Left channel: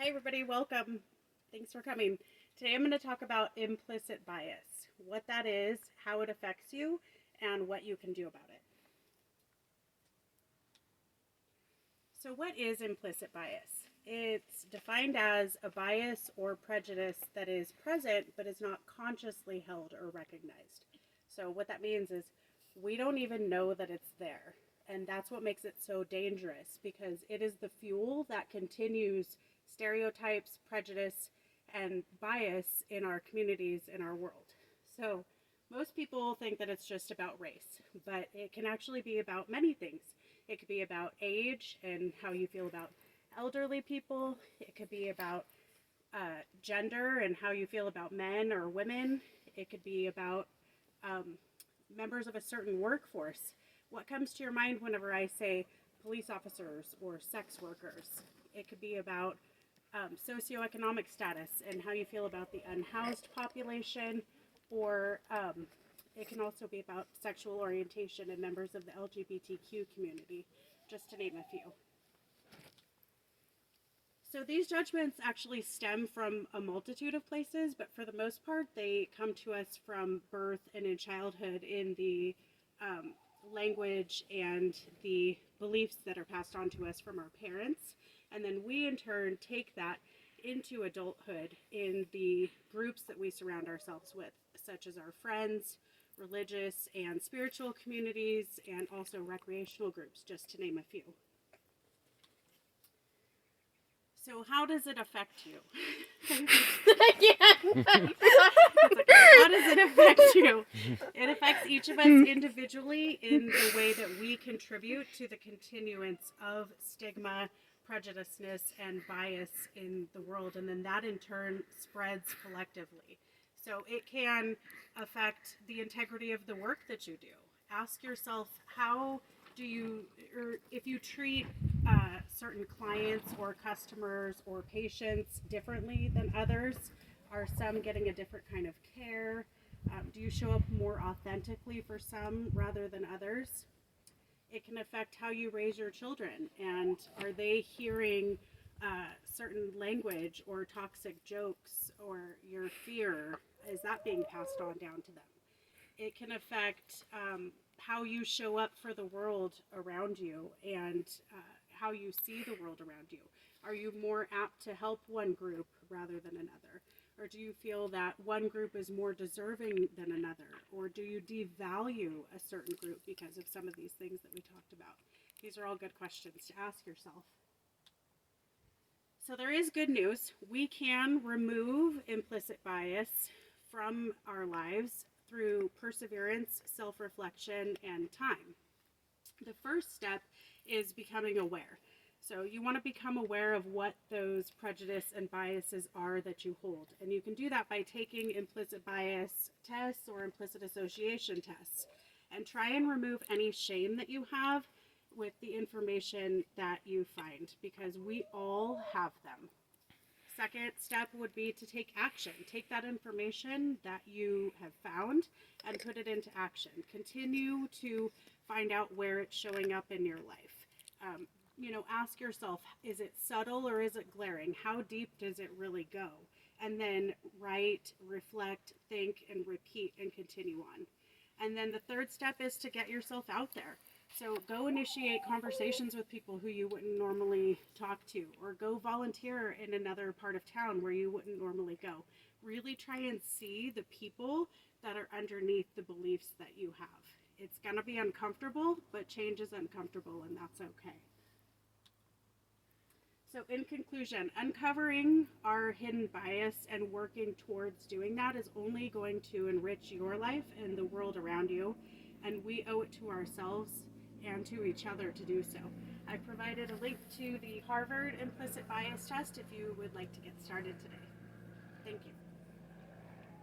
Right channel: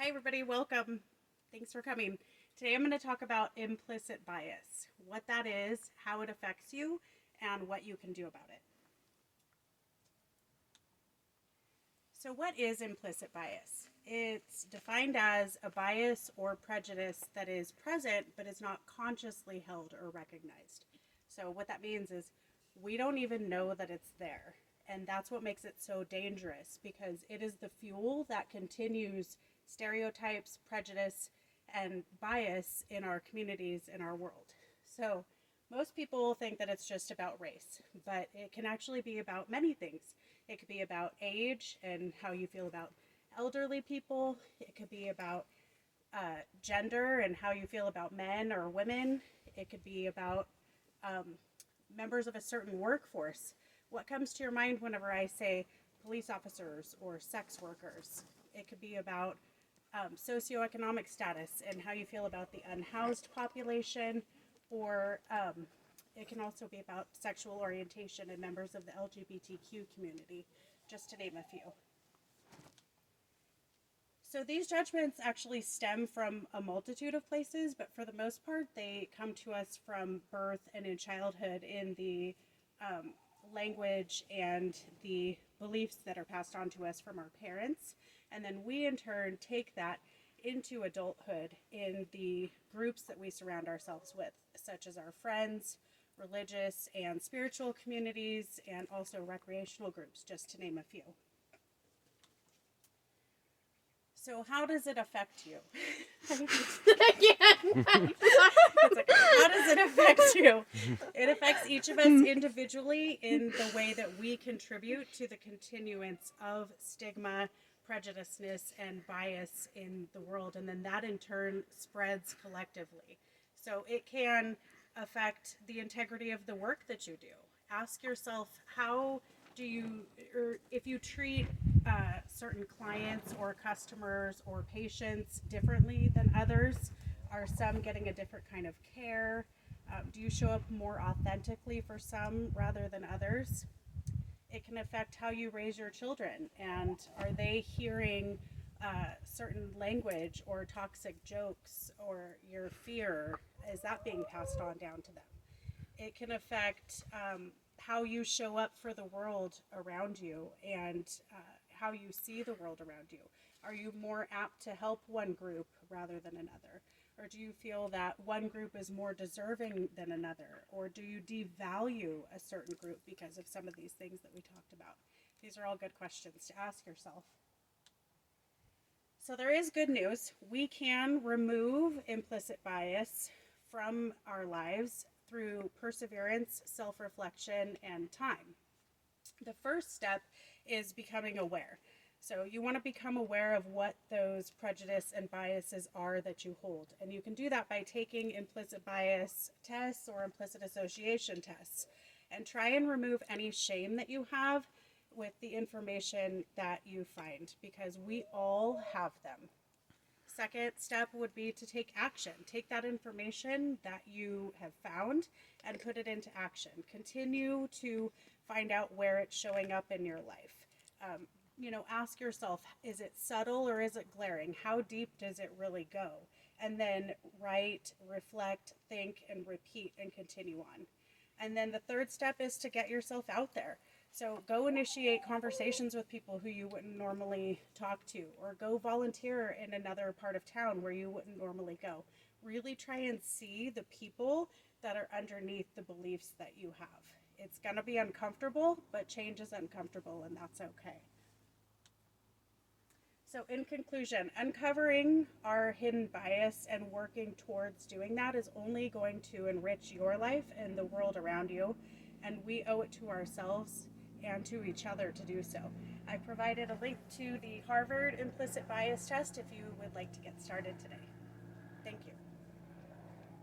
Hi everybody, welcome. Thanks for coming. Today I'm going to talk about implicit bias, what that is, how it affects you, and what you can do about it. So what is implicit bias? It's defined as a bias or prejudice that is present but is not consciously held or recognized. So what that means is we don't even know that it's there. And that's what makes it so dangerous, because it is the fuel that continues stereotypes, prejudice, and bias in our communities, in our world. So most people think that it's just about race, but it can actually be about many things. It could be about age and how you feel about elderly people. It could be about gender and how you feel about men or women. It could be about members of a certain workforce. What comes to your mind whenever I say police officers or sex workers? It could be about socioeconomic status and how you feel about the unhoused population, or it can also be about sexual orientation and members of the LGBTQ community, just to name a few. So these judgments actually stem from a multitude of places, but for the most part, they come to us from birth and in childhood in the language and the beliefs that are passed on to us from our parents. And then we in turn take that into adulthood in the groups that we surround ourselves with, such as our friends, religious and spiritual communities, and also recreational groups, just to name a few. So how does it affect you? Again. How does it affect you? It affects each of us individually in the way that we contribute to the continuance of stigma, prejudiceness, and bias in the world, and then that in turn spreads collectively. So it can affect the integrity of the work that you do. Ask yourself, how do you, or if you treat certain clients or customers or patients differently than others? Are some getting a different kind of care? Do you show up more authentically for some rather than others? It can affect how you raise your children, and are they hearing certain language or toxic jokes, or your fear, is that being passed on down to them? It can affect how you show up for the world around you, and how you see the world around you. Are you more apt to help one group rather than another? Or do you feel that one group is more deserving than another? Or do you devalue a certain group because of some of these things that we talked about? These are all good questions to ask yourself. So there is good news. We can remove implicit bias from our lives through perseverance, self-reflection, and time. The first step is becoming aware. So you want to become aware of what those prejudice and biases are that you hold. And you can do that by taking implicit bias tests or implicit association tests, and try and remove any shame that you have with the information that you find, because we all have them. Second step would be to take action. Take that information that you have found and put it into action. Continue to find out where it's showing up in your life. Ask yourself, is it subtle or is it glaring? How deep does it really go? And then write, reflect, think, and repeat, and continue on. And then the third step is to get yourself out there. So go initiate conversations with people who you wouldn't normally talk to, or go volunteer in another part of town where you wouldn't normally go. Really try and see the people that are underneath the beliefs that you have. It's going to be uncomfortable, but change is uncomfortable, and that's okay. So in conclusion, uncovering our hidden bias and working towards doing that is only going to enrich your life and the world around you, and we owe it to ourselves and to each other to do so. I provided a link to the Harvard implicit bias test if you would like to get started today. Thank you.